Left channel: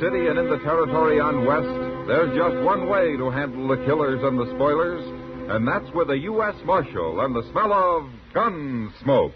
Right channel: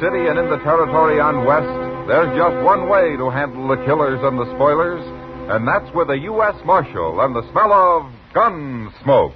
city and in the territory on West, there's just one way to handle the killers and the spoilers, and that's with a U.S. Marshal and the smell of Gunsmoke.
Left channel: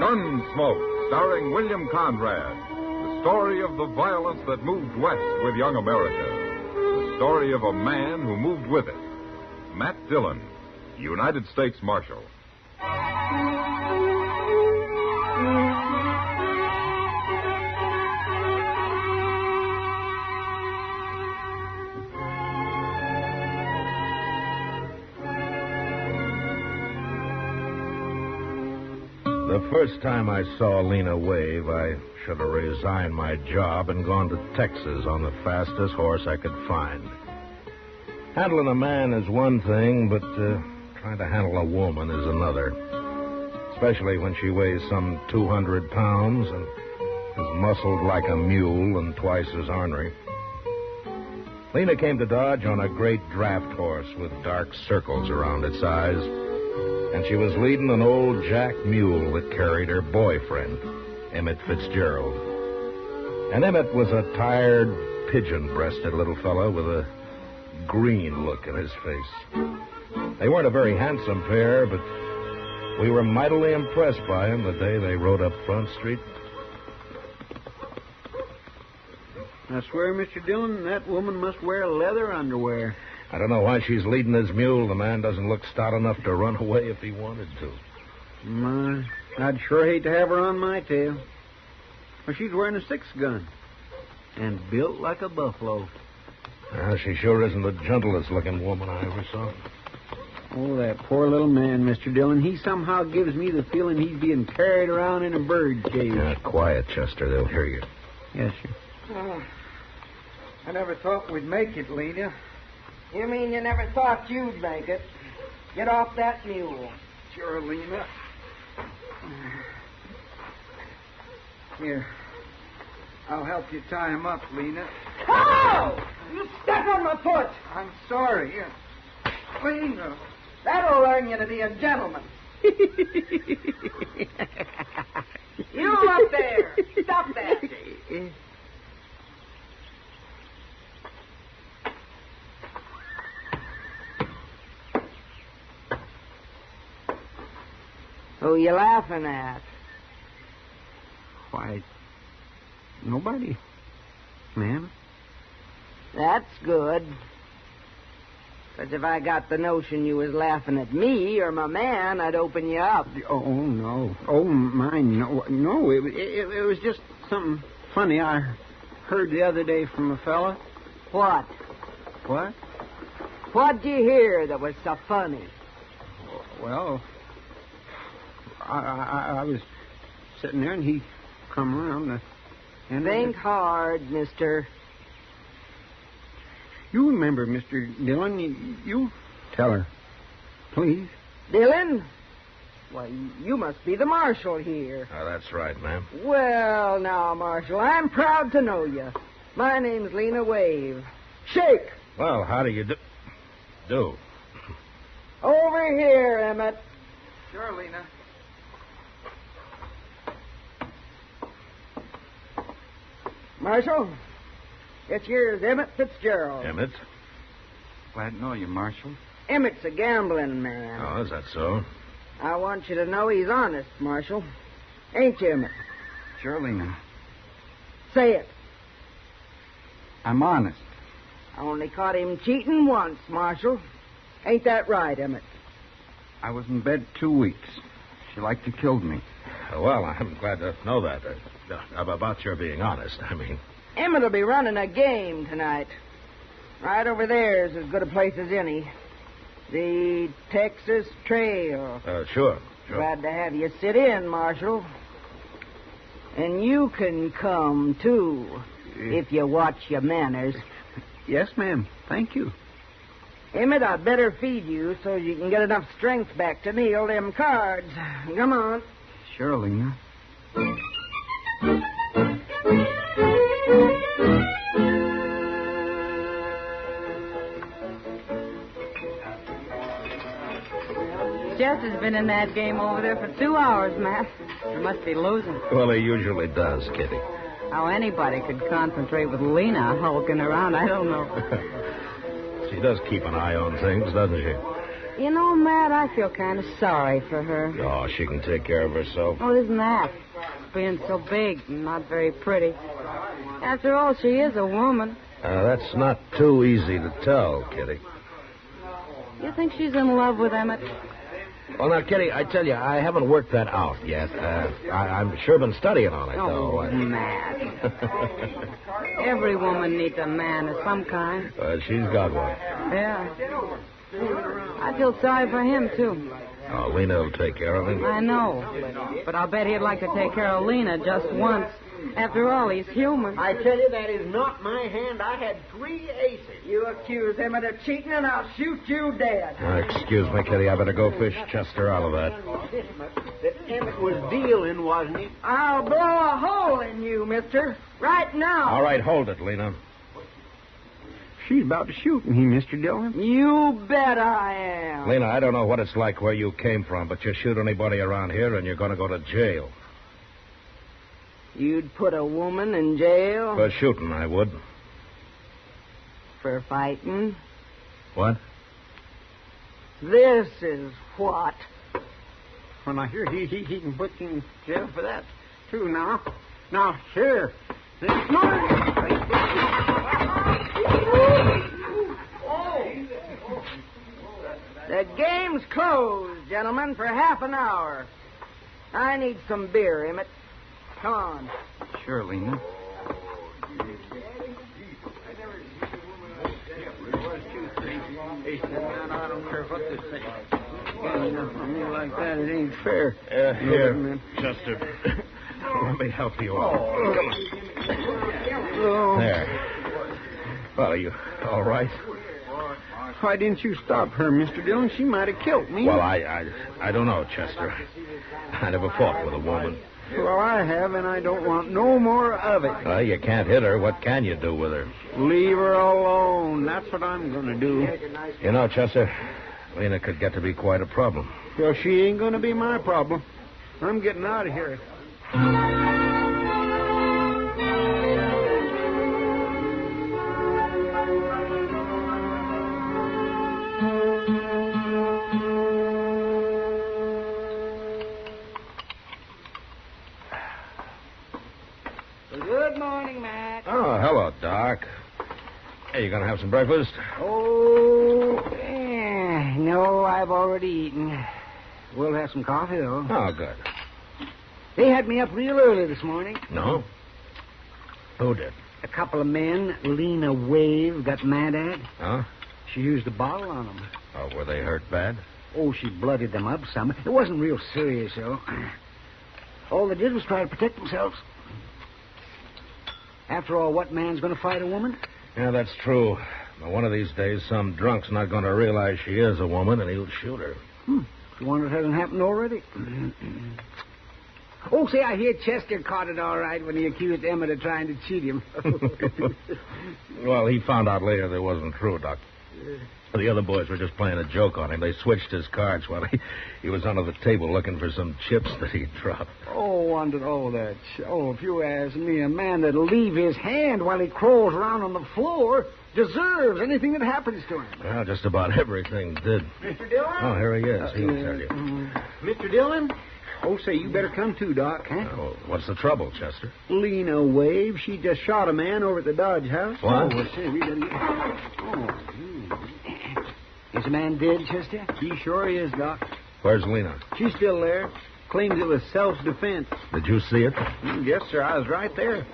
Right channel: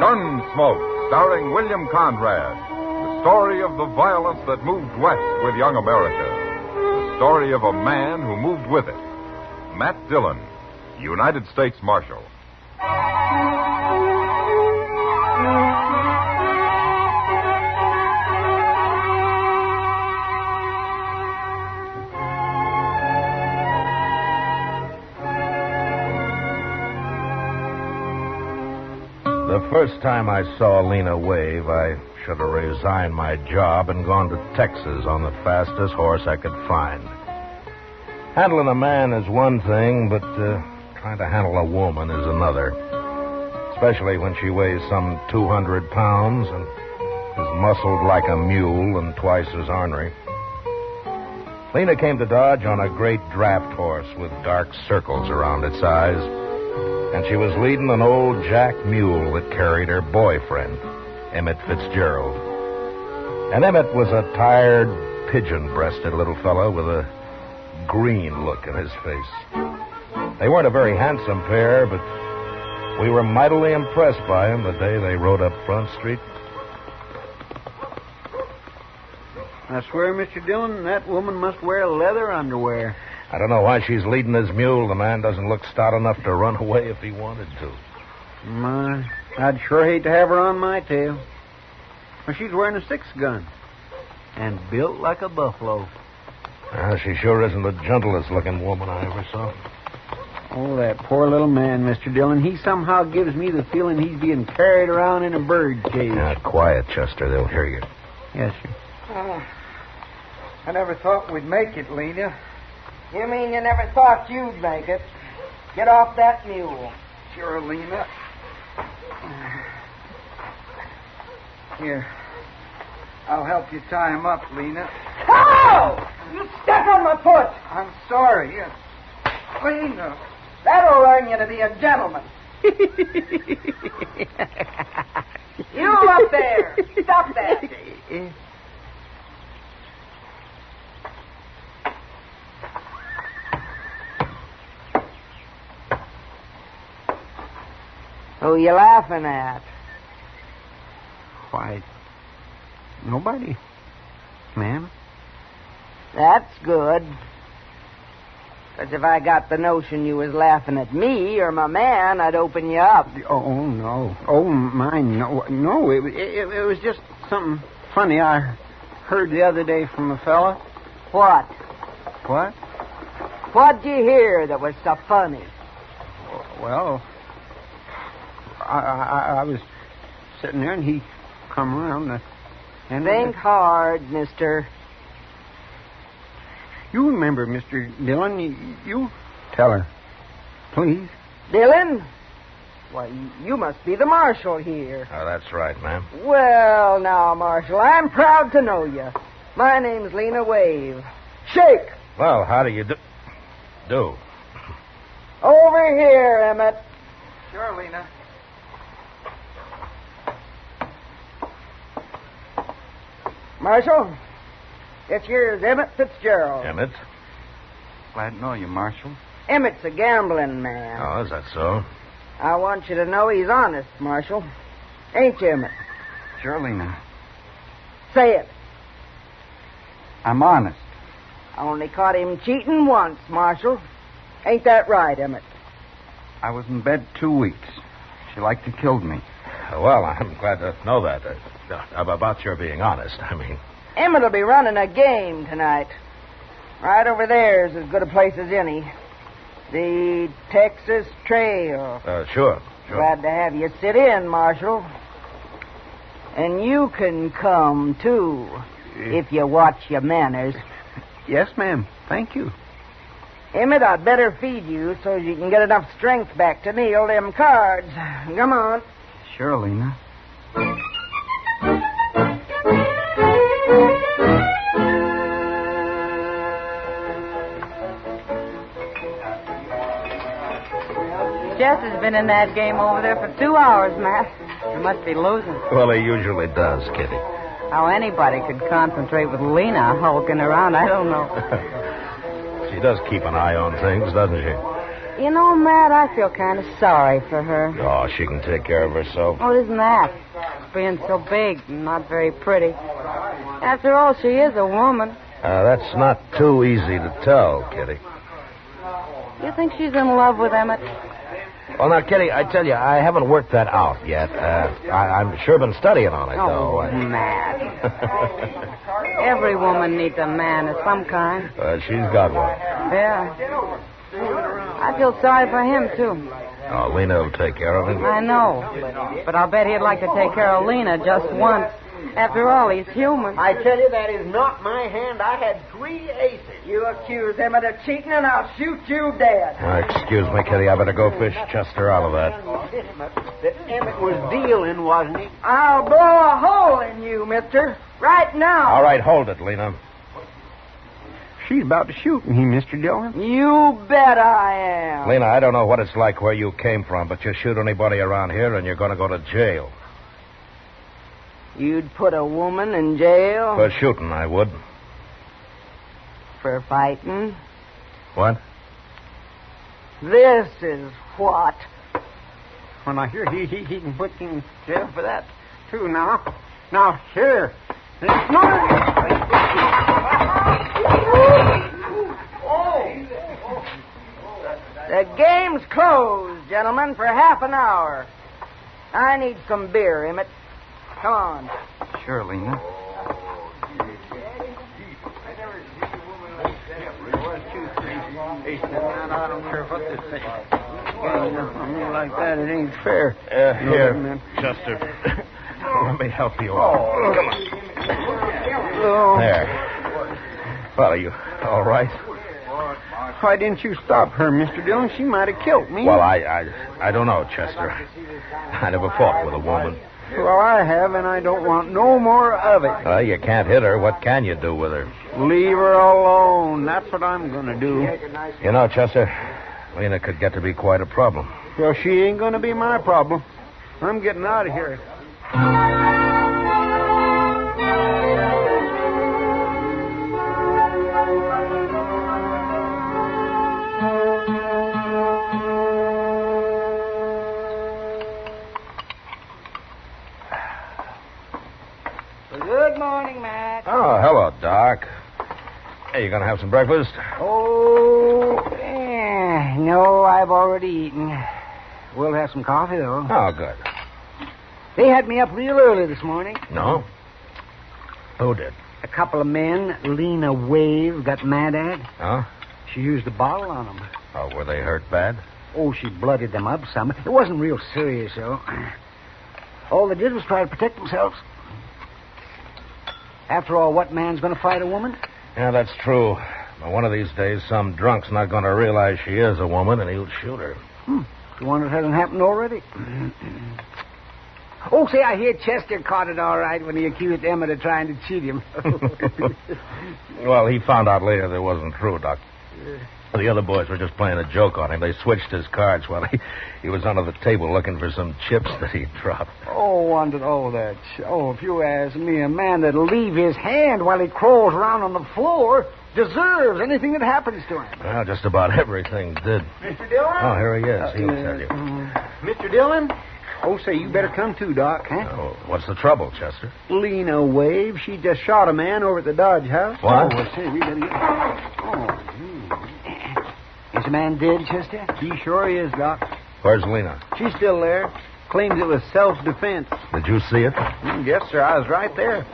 Gunsmoke, starring William Conrad. The story of the violence that moved west with young America. The story of a man who moved with it. Matt Dillon, United States Marshal. The first time I saw Lena wave, I should have resigned my job and gone to Texas on the fastest horse I could find. Handling a man is one thing, but trying to handle a woman is another. Especially when she weighs some 200 pounds and is muscled like a mule and twice as ornery. Lena came to Dodge on a great draft horse with dark circles around its eyes. And she was leading an old jack mule that carried her boyfriend, Emmett Fitzgerald. And Emmett was a tired, pigeon-breasted little fellow with a green look in his face. They weren't a very handsome pair, but we were mightily impressed by them the day they rode up Front Street. I swear, Mr. Dillon, that woman must wear leather underwear. I don't know why she's leading his mule. The man doesn't look stout enough to run away if he wanted to. My, I'd sure hate to have her on my tail. Well, she's wearing a 6-gun and built like a buffalo. She sure isn't the gentlest looking woman I ever saw. Oh, that poor little man, Mr. Dillon. He somehow gives me the feeling he's being carried around in a bird cage. Quiet, Chester. They'll hear you. Yes, sir. Oh, I never thought we'd make it, Lena. You mean you never thought you'd make it? Get off that mule. Sure, Lena. Here. I'll help you tie him up, Lena. Oh! You step on my foot! I'm sorry. Lena. That'll learn you to be a gentleman. You up there! Stop that! Who you laughing at? Why, nobody, ma'am. That's good. 'Cause if I got the notion you was laughing at me or my man, I'd open you up. Oh, no. Oh, mine, no. No, it was just something funny I heard the other day from a fella. What? What? What'd you hear that was so funny? Well, I was sitting there, and he come around. And Think hard, mister. You remember, Mr. Dillon, you tell her, please. Dillon? Why, you must be the marshal here. Oh, that's right, ma'am. Well, now, Marshal, I'm proud to know you. My name's Lena Wave. Shake! Well, how do you do? Over here, Emmett. Sure, Lena. Marshal, this here's Emmett Fitzgerald. Emmett? Glad to know you, Marshal. Emmett's a gambling man. Oh, is that so? I want you to know he's honest, Marshal. Ain't you, Emmett? Sure, Lena. Say it. I'm honest. I only caught him cheating once, Marshal. Ain't that right, Emmett? I was in bed 2 weeks. She liked to kill me. Well, I'm glad to know that. About your being honest, I mean. Emmett'll be running a game tonight. Right over there's as good a place as any. The Texas Trail. Sure. Glad to have you sit in, Marshal. And you can come, too, if you watch your manners. Yes, ma'am. Thank you. Emmett, I'd better feed you so you can get enough strength back to kneel them cards. Come on. Sure, Lena. Chester's been in that game over there for 2 hours, Matt. He must be losing. Well, he usually does, Kitty. How anybody could concentrate with Lena hulking around, I don't know. She does keep an eye on things, doesn't she? You know, Matt, I feel kind of sorry for her. Oh, she can take care of herself. Oh, isn't that? Being so big and not very pretty. After all, she is a woman. That's not too easy to tell, Kitty. You think she's in love with Emmett? Well, now, Kitty, I tell you, I haven't worked that out yet. I'm sure been studying on it, though. Matt. Every woman needs a man of some kind. She's got one. Yeah. I feel sorry for him, too. Oh, Lena will take care of him. I know. But I'll bet he'd like to take care of Lena just once. After all, he's human. I tell you, that is not my hand. I had 3 aces. You accuse Emmett of cheating, and I'll shoot you dead. Excuse me, Kitty. I better go fish Chester out of that. That Emmett was dealing, wasn't he? I'll blow a hole in you, mister. Right now. All right, hold it, Lena. She's about to shoot me, Mr. Dillon. You bet I am. Lena, I don't know what it's like where you came from, but you shoot anybody around here and you're going to go to jail. You'd put a woman in jail? For shooting, I would. For fighting? What? This is what? When I hear he can put you in jail for that, too, now. Now, here. The game's closed, gentlemen, for half an hour. I need some beer, Emmett. Come on. Sure, Lena. I don't care what they say. Like that, it ain't fair. Here, Chester. Let me help you out. Oh. There. Well, are you all right? Why didn't you stop her, Mr. Dillon? She might have killed me. Well, I don't know, Chester. I never fought with a woman. Well, I have, and I don't want no more of it. Well, you can't hit her. What can you do with her? Leave her alone. That's what I'm going to do. You know, Chester, Lena could get to be quite a problem. Well, she ain't going to be my problem. I'm getting out of here. Good morning, Matt. Oh, hello, Doc. Hey, you going to have some breakfast? Oh, no, I've already eaten. We'll have some coffee, though. Oh, good. They had me up real early this morning. No? Who did? A couple of men Lena Wave got mad at. Huh? She used a bottle on them. Oh, were they hurt bad? Oh, she blooded them up some. It wasn't real serious, though. All they did was try to protect themselves. After all, what man's going to fight a woman? Yeah, that's true. But one of these days, some drunk's not going to realize she is a woman, and he'll shoot her. You wonder if it hasn't happened already? Oh, say, I hear Chester caught it all right when he accused Emmett of trying to cheat him. Well, he found out later that it wasn't true, Doc. The other boys were just playing a joke on him. They switched his cards while he was under the table looking for some chips that he'd dropped. If you ask me, a man that'll leave his hand while he crawls around on the floor deserves anything that happens to him. Well, just about everything did. Mr. Dillon? Oh, here he is. He'll tell you. Mr. Dillon? Oh, say, you better come too, Doc, huh? Oh, what's the trouble, Chester? Lena Wave, she just shot a man over at the Dodge House. What? Oh, say, we better get... Is the man dead, Chester? He sure is, Doc. Where's Lena? She's still there. Claims it was self-defense. Did you see it? Yes, sir. I was right there.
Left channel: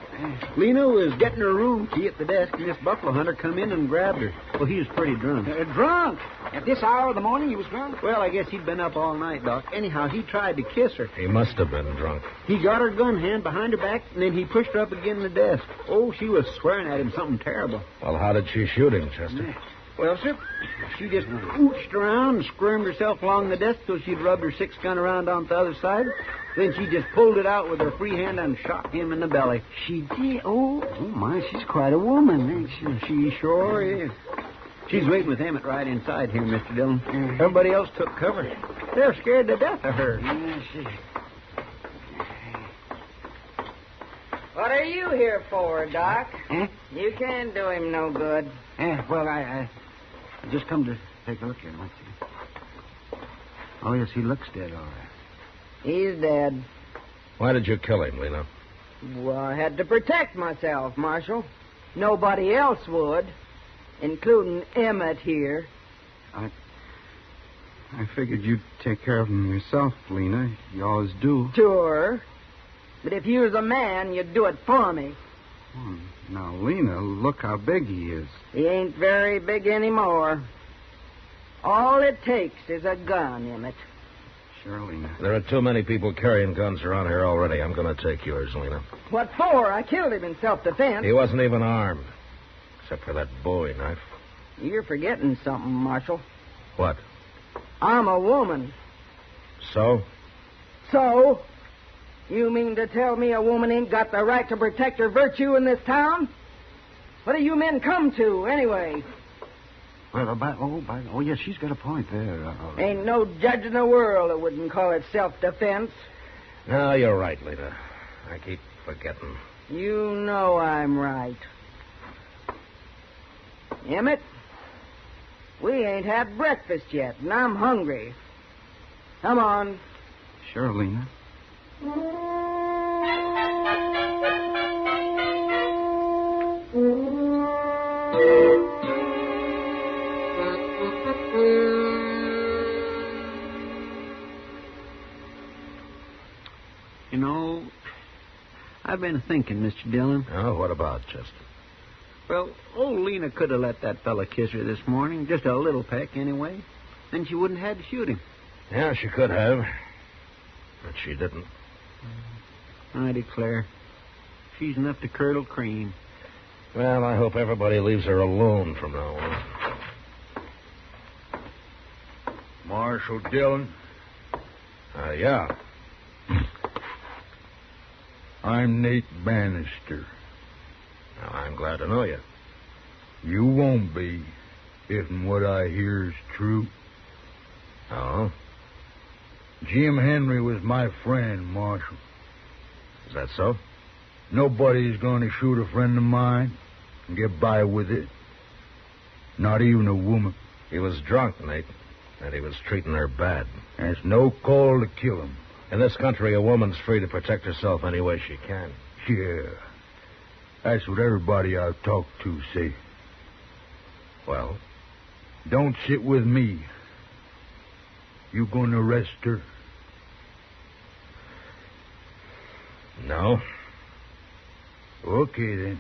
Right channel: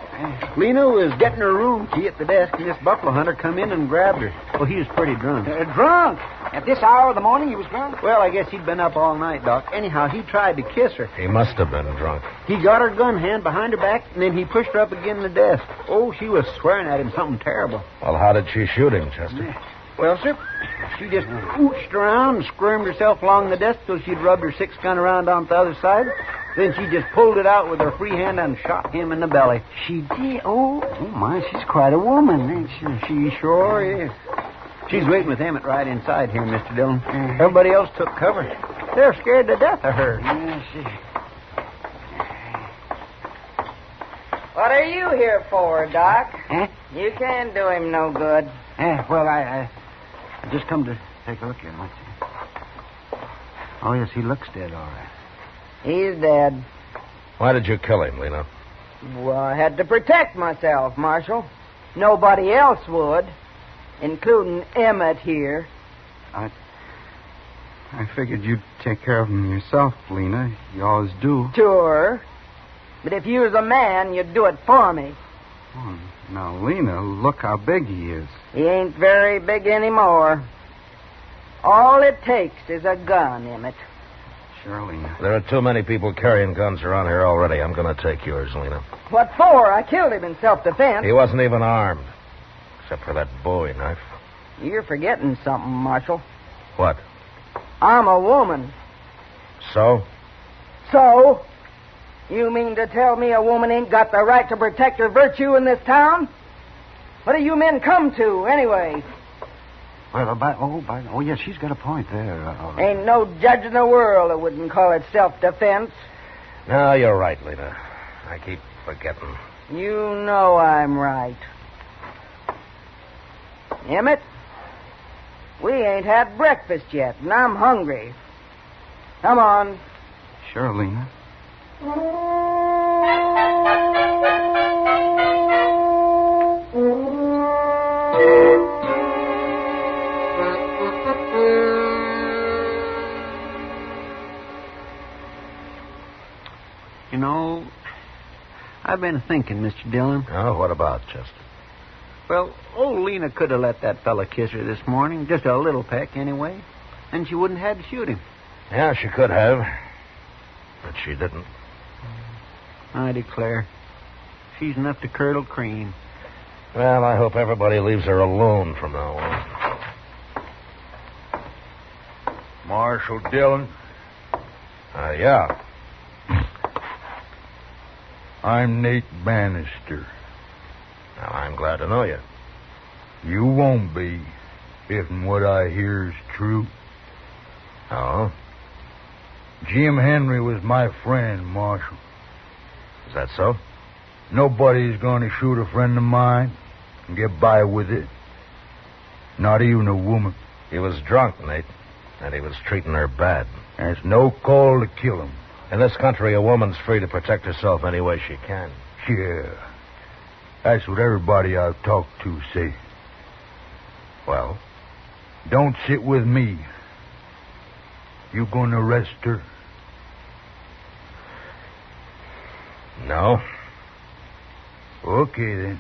Lena was getting her room key at the desk, and this buffalo hunter come in and grabbed her. Well, he was pretty drunk. Drunk? At this hour of the morning he was drunk? Well, I guess he'd been up all night, Doc. Anyhow, he tried to kiss her. He must have been drunk. He got her gun hand behind her back, and then he pushed her up against the desk. Oh, she was swearing at him something terrible. Well, how did she shoot him, Chester? Well, sir, she just ooched around and squirmed herself along the desk till she'd rubbed her 6-gun around on the other side. Then she just pulled it out with her free hand and shot him in the belly. She did? Oh, my, she's quite a woman, ain't she? She sure is. She's waiting with Emmett right inside here, Mr. Dillon. Everybody else took cover. They're scared to death of her. Yeah, see. What are you here for, Doc? Eh? You can't do him no good. Well, I just come to take a look at him. Let's see. Oh, yes, he looks dead, all right. He's dead. Why did you kill him, Lena? Well, I had to protect myself, Marshal. Nobody else would, including Emmett here. I figured you'd take care of him yourself, Lena. You always do. Sure. But if you was a man, you'd do it for me. Oh, now, Lena, look how big he is. He ain't very big anymore. All it takes is a gun, Emmett. Sure, Lena. There are too many people carrying guns around here already. I'm going to take yours, Lena. What for? I killed him in self-defense. He wasn't even armed, except for that Bowie knife. You're forgetting something, Marshal. What? I'm a woman. So? So? You mean to tell me a woman ain't got the right to protect her virtue in this town? What do you men come to, anyway? Well, yes, she's got a point there. Ain't no judge in the world that wouldn't call it self-defense. No, you're right, Lena. I keep forgetting. You know I'm right. Emmett, we ain't had breakfast yet, and I'm hungry. Come on. Sure, Lena. You know, I've been thinking, Mr. Dillon. Oh, what about, Chester? Well, old Lena could have let that fella kiss her this morning, just a little peck anyway, and she wouldn't have had to shoot him. Yeah, she could have, but she didn't. I declare, she's enough to curdle cream. Well, I hope everybody leaves her alone from now on. Marshal Dillon, Yeah. I'm Nate Bannister. Now, I'm glad to know you. You won't be, if what I hear is true. Oh? Jim Henry was my friend, Marshal. Is that so? Nobody's going to shoot a friend of mine and get by with it. Not even a woman. He was drunk, Nate, and he was treating her bad. There's no call to kill him. In this country, a woman's free to protect herself any way she can. Yeah. That's what everybody I've talked to say. Well? Don't sit with me. You gonna arrest her? No. Okay, then.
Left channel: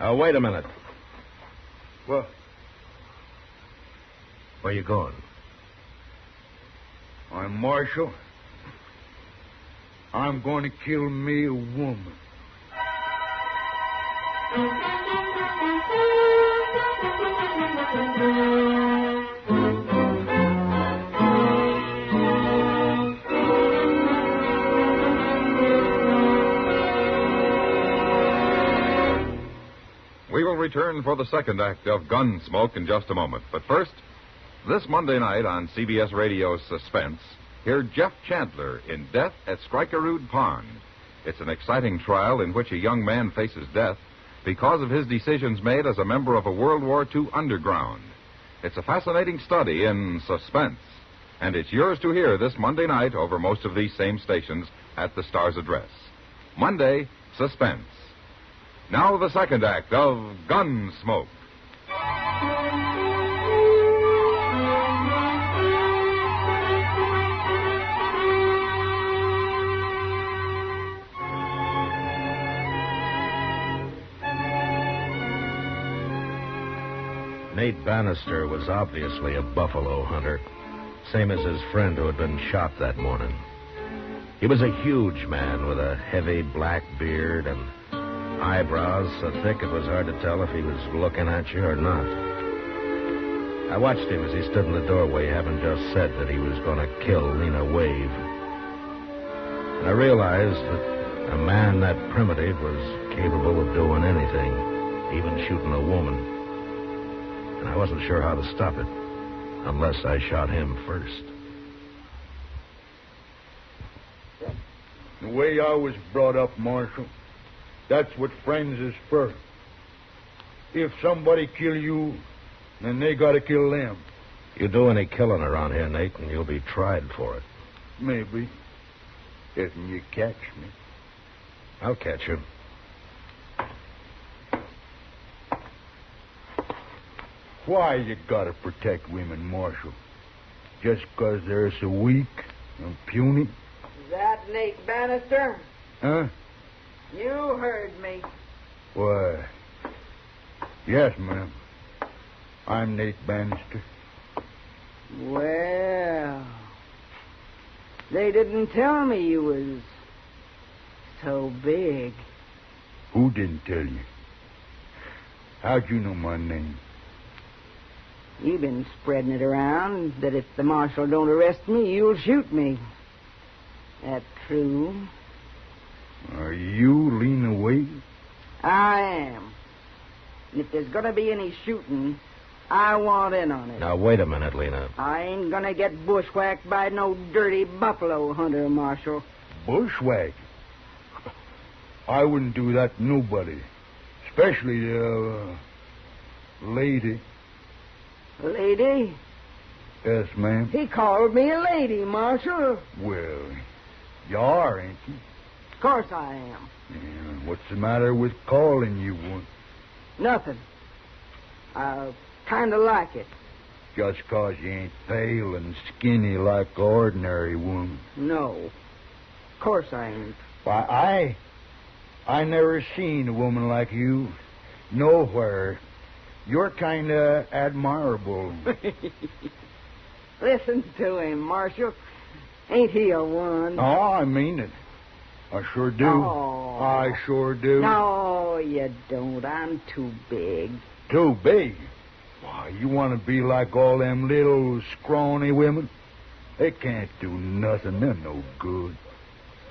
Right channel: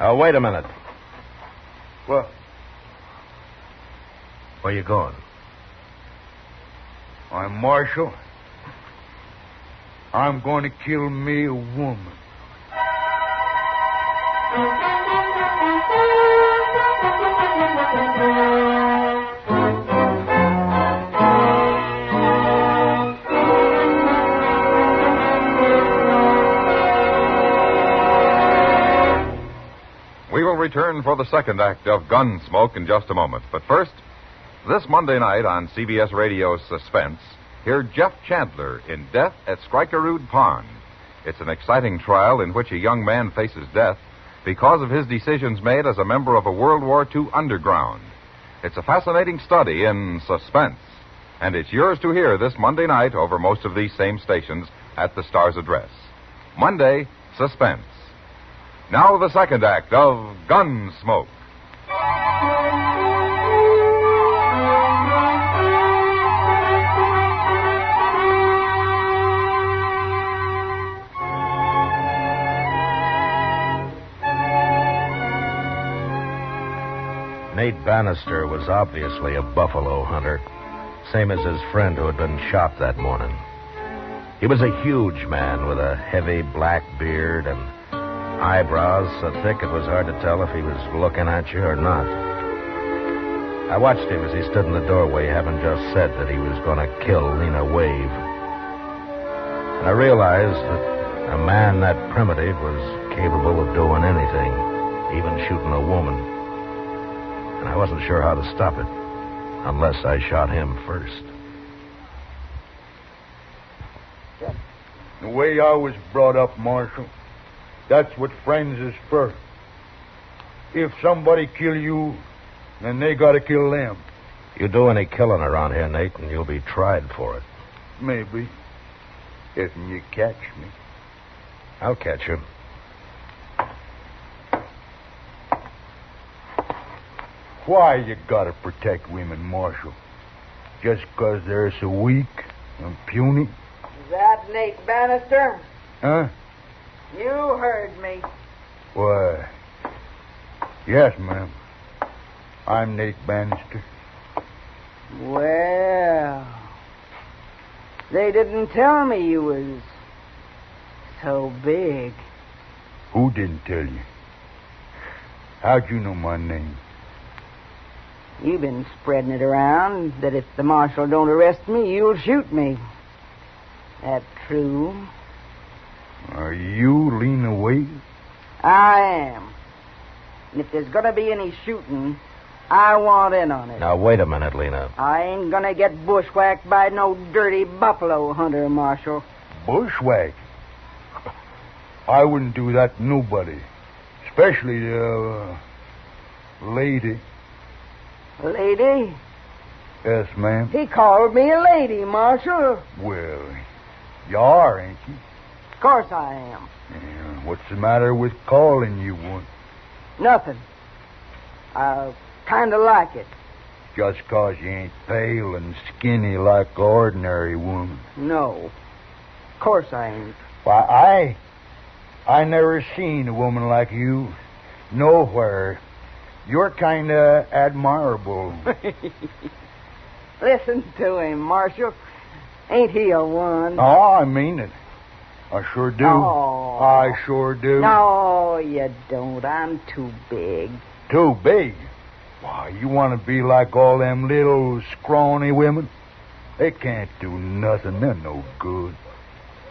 Now, wait a minute. What? Where you going? I'm Marshal. I'm going to kill me a woman. We will return for the second act of Gunsmoke in just a moment. But first, this Monday night on CBS Radio's Suspense, hear Jeff Chandler in Death at Skrikerud Pond. It's an exciting trial in which a young man faces death because of his decisions made as a member of a World War II underground. It's a fascinating study in suspense, and it's yours to hear this Monday night over most of these same stations at the Star's address. Monday, Suspense. Now the second act of Gunsmoke. Nate Bannister was obviously a buffalo hunter, same as his friend who had been shot that morning. He was a huge man with a heavy black beard and eyebrows so thick it was hard to tell if he was looking at you or not. I watched him as he stood in the doorway, having just said that he was going to kill Lena Wave. And I realized that a man that primitive was capable of doing anything, even shooting a woman. And I wasn't sure how to stop it. Unless I shot him first. The way I was brought up, Marshal, that's what friends is for. If somebody kill you, then they gotta kill them. You do any killing around here, Nate, and you'll be tried for it. Maybe. If you catch me. I'll catch you. Why you gotta protect women, Marshal? Just 'cause they're so weak and puny? Is that Nate Bannister? Huh? You heard me. Why, yes, ma'am. I'm Nate Bannister. Well, they didn't tell me you was so big. Who didn't tell you? How'd you know my name? You've been spreading it around that if the marshal don't arrest me, you'll shoot me. That true? Are you Lena Wade? I am. And if there's gonna be any shooting, I want in on it. Now, wait a minute, Lena. I ain't gonna get bushwhacked by no dirty buffalo hunter, Marshal. Bushwhack? I wouldn't do that to nobody. Especially the lady. Lady? Yes, ma'am. He called me a lady, Marshal. Well, you are, ain't you? Of course I am. Yeah, what's the matter with calling you one? Nothing. I kind of like it. Just 'cause you ain't pale and skinny like an ordinary woman. No. Of course I ain't. Why, I never seen a woman like you nowhere. You're kind of admirable. Listen to him, Marshal. Ain't he a one? Oh, I mean it. I sure do. Oh. I sure do. No, you don't. I'm too big. Too big? Why, you want to be like all them little scrawny women? They can't do nothing. They're no good.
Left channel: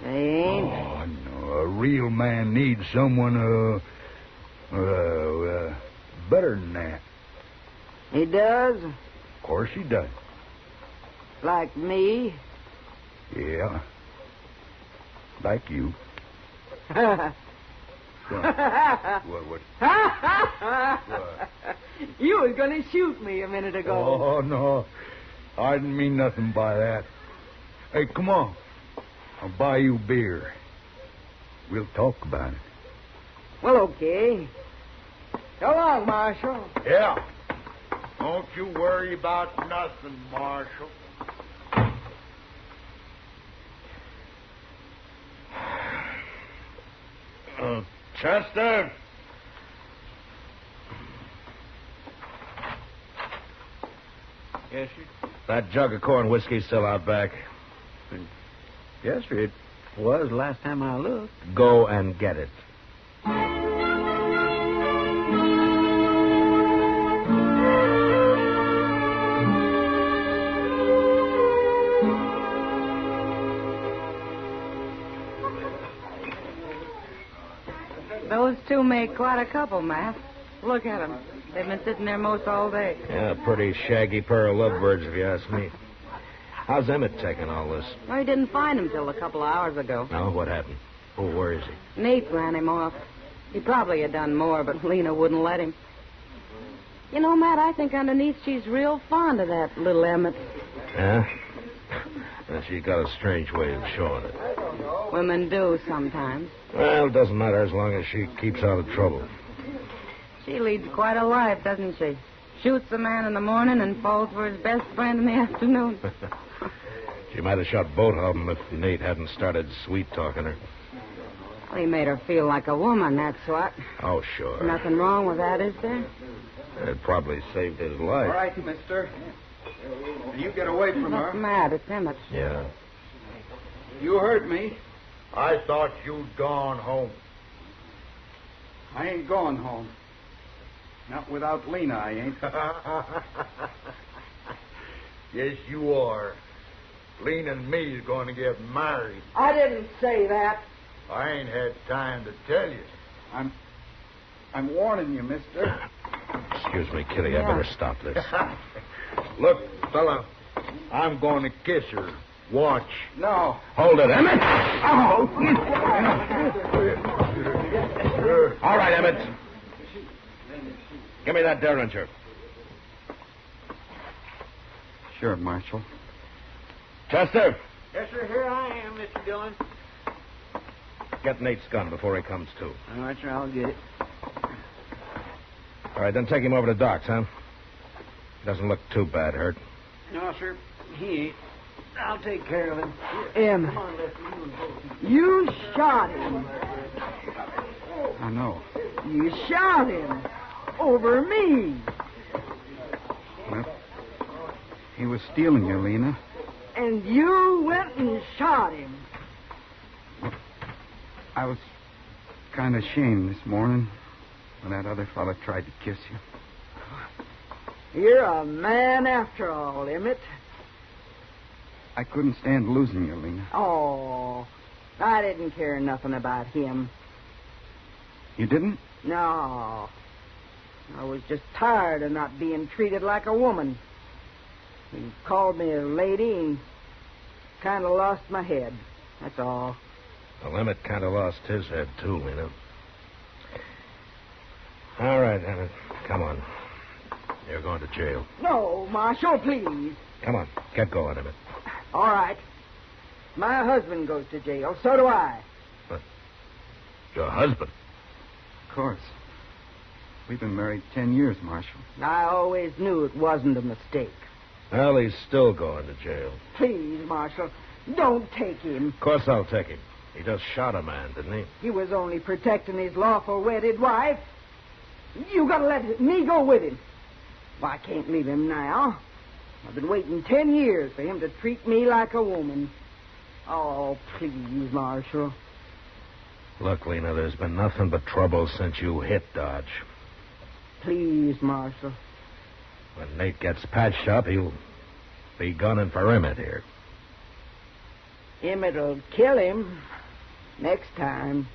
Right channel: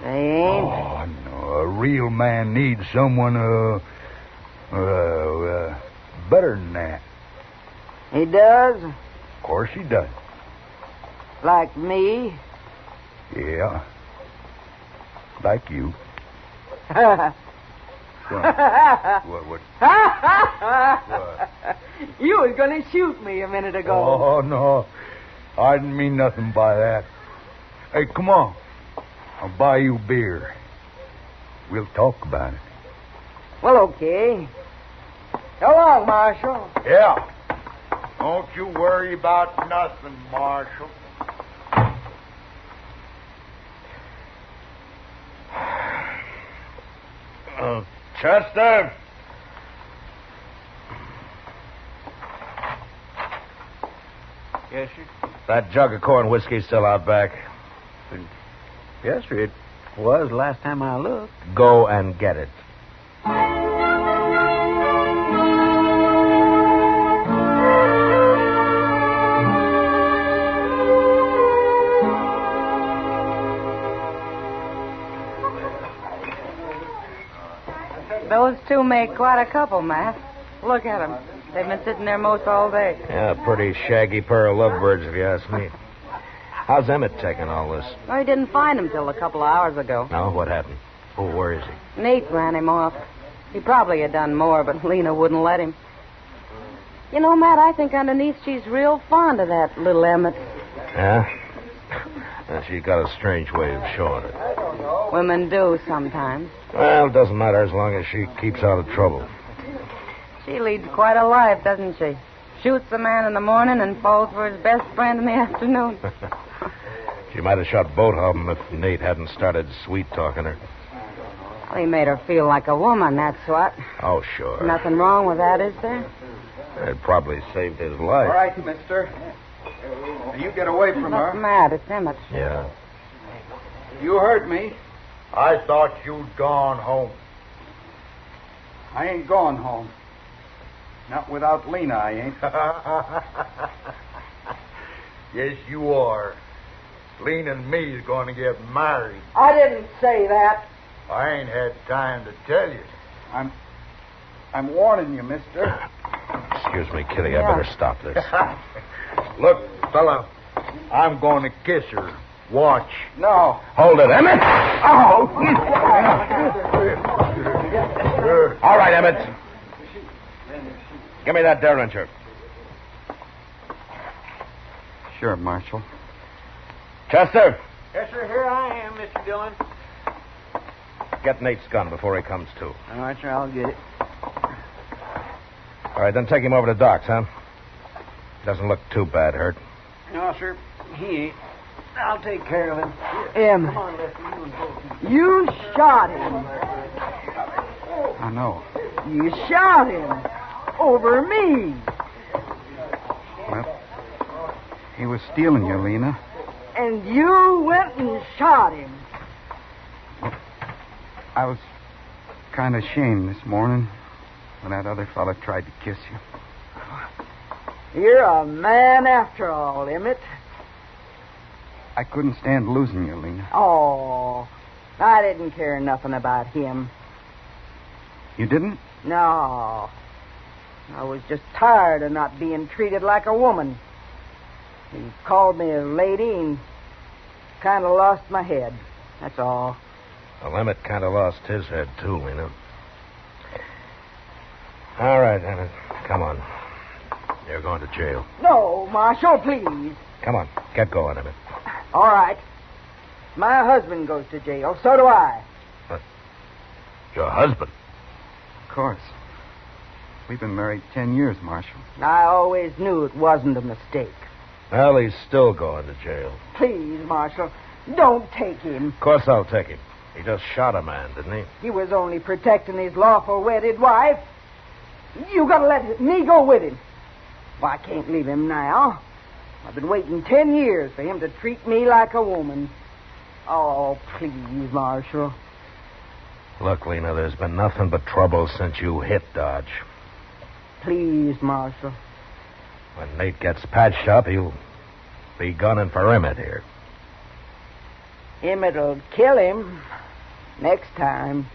They ain't? Oh, no. A real man needs someone, better than that. He does? Of course he does. Like me? Yeah. Like you. What? You was going to shoot me a minute ago. Oh, no. I didn't mean nothing by that. Hey, come on. I'll buy you beer. We'll talk about it. Well, okay. So long, Marshal. Yeah. Don't you worry about nothing, Marshal. Chester? Yes, sir. That jug of corn whiskey's still out back. Yes, sir. It was last time I looked. Go and get it. Those two make quite a couple, Matt. Look at them. They've been sitting there most all day. Yeah, a pretty shaggy pair of lovebirds, if you ask me. How's Emmett taking all this? Well, he didn't find him till a couple of hours ago. No, what happened? Where is he? Nate ran him off. He probably had done more, but Lena wouldn't let him. You know, Matt, I think underneath she's real fond of that little Emmett. Yeah? She's got a strange way of showing it. Women do sometimes. Well, it doesn't matter as long as she keeps out of trouble. She leads quite a life, doesn't she? Shoots a man in the morning and falls for his best friend in the afternoon. She might have shot both of them if Nate hadn't started sweet-talking her. Well, he made her feel like a woman, that's what. Oh, sure. Nothing wrong with that, is there? It probably saved his All life. right, mister. You get away from What's her. Matt? It's Emmett. Yeah. You heard me. I thought you'd gone home. I ain't going home. Not without Lena, I ain't. Yes, you are. Lena and me is going to get married. I didn't say that. I ain't had time to tell you. I'm warning you, mister. Excuse me, Kitty. I Yeah. better stop this. Look, fella, I'm going to kiss her. Watch. No. Hold it, Emmett. Oh! All right, Emmett. Give me that derringer. Sure, Marshal. Chester, Yes, sir. Here I am, Mr. Dillon. get Nate's gun before he comes to. All right, sir. I'll get it. All right, then take him over to Doc's, huh? Doesn't look too bad hurt. No, sir. He ain't. I'll take care of him. Emmett, Come on, Lester. you shot him. I know. You shot him. Over me. Well, he was stealing you, Lena. And you went and shot him. I was kind of ashamed this morning when that other fella tried to kiss you. You're a man after all, Emmett. I couldn't stand losing you, Lena. Oh, I didn't care nothing about him. You didn't? No. I was just tired of not being treated like a woman. He called me a lady and kind of lost my head. That's all. Well, Emmett kind of lost his head, too, you know. All right, Emmett. Come on. You're going to jail. No, Marshal, please. Come on. Get going, Emmett. All right. My husband goes to jail. So do I. Your husband? Of course. We've been married 10 years, Marshal. I always knew it wasn't a mistake. Well, he's still going to jail. Please, Marshal, don't take him. Of course I'll take him. He just shot a man, didn't he? He was only protecting his lawful wedded wife. You gotta let me go with him. Well, I can't leave him now. I've been waiting 10 years for him to treat me like a woman. Oh, please, Marshal. Look, Lena, there's been nothing but trouble since you hit Dodge. Please, Marshal. When Nate gets patched up, he'll be gunning for Emmett here. Emmett'll kill him next time.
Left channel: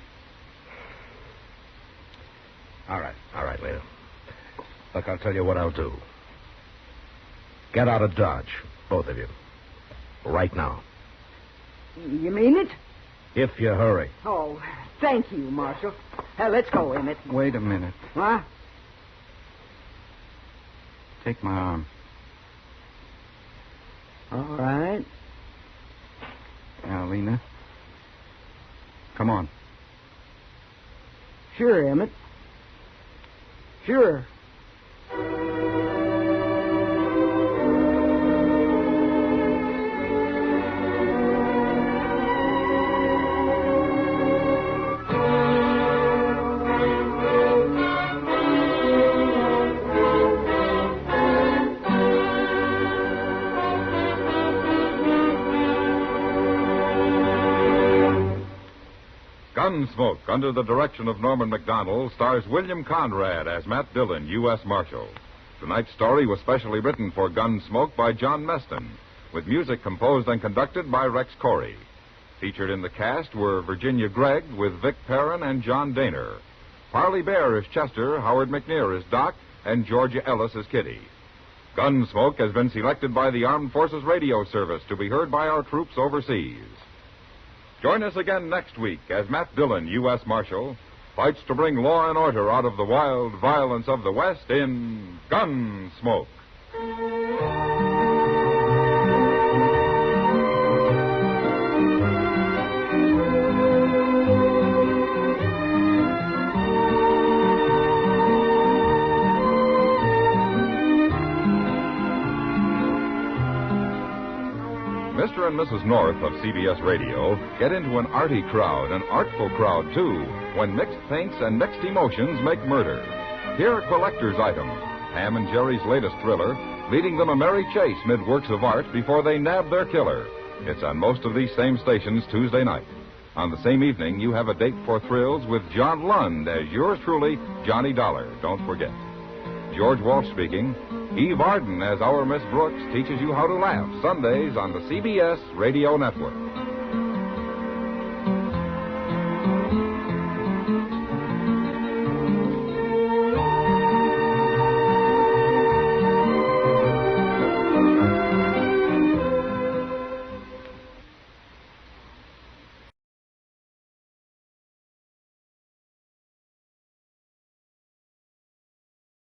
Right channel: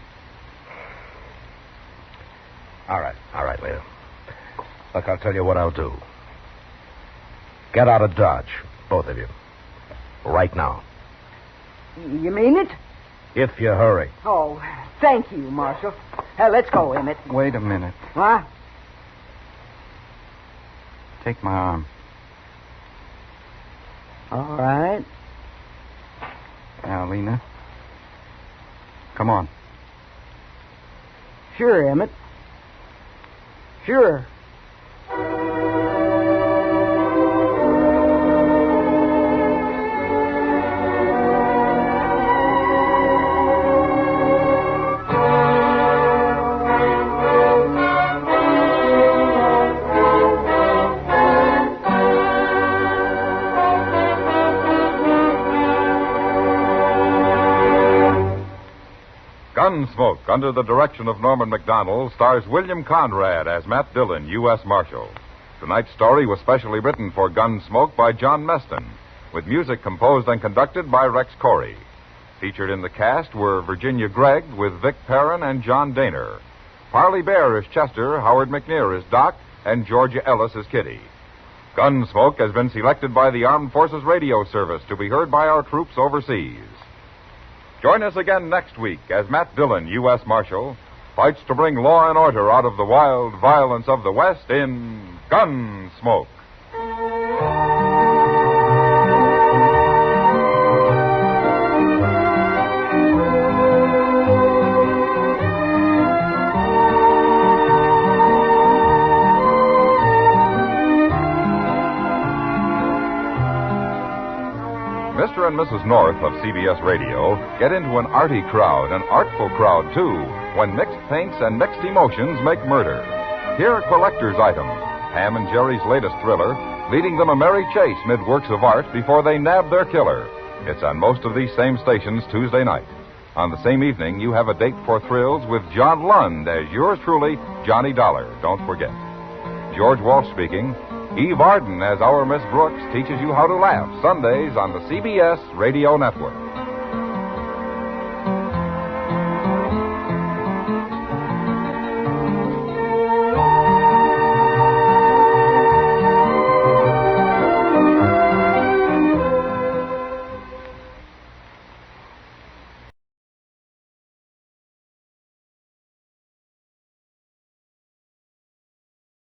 All right, Lena. Look, I'll tell you what I'll do. Get out of Dodge, both of you. Right now. You mean it? If you hurry. Oh, thank you, Marshal. Let's go, Emmett. Wait a minute. What? Take my arm. All right. Now, Lena. Come on. Sure, Emmett. Sure. Gunsmoke, under the direction of Norman Macdonnell, stars William Conrad as Matt Dillon, U.S. Marshal. Tonight's story was specially written for Gunsmoke by John Meston, with music composed and conducted by Rex Corey. Featured in the cast were Virginia Gregg with Vic Perrin and John Daner. Parley Bear is Chester, Howard McNear is Doc, and Georgia Ellis is Kitty. Gunsmoke has been selected by the Armed Forces Radio Service to be heard by our troops overseas. Join us again next week as Matt Dillon, U.S. Marshal, fights to bring law and order out of the wild violence of the West in Gunsmoke. Mr. and Mrs. North of CBS Radio get into an arty crowd, an artful crowd, too, when mixed paints and mixed emotions make murder. Here are collector's items, Ham and Jerry's latest thriller, leading them a merry chase mid works of art before they nab their killer. It's on most of these same stations Tuesday night. On the same evening, you have a date for thrills with John Lund as yours truly, Johnny Dollar. Don't forget. George Walsh speaking. Eve Arden as our Miss Brooks teaches you how to laugh Sundays on the CBS Radio Network.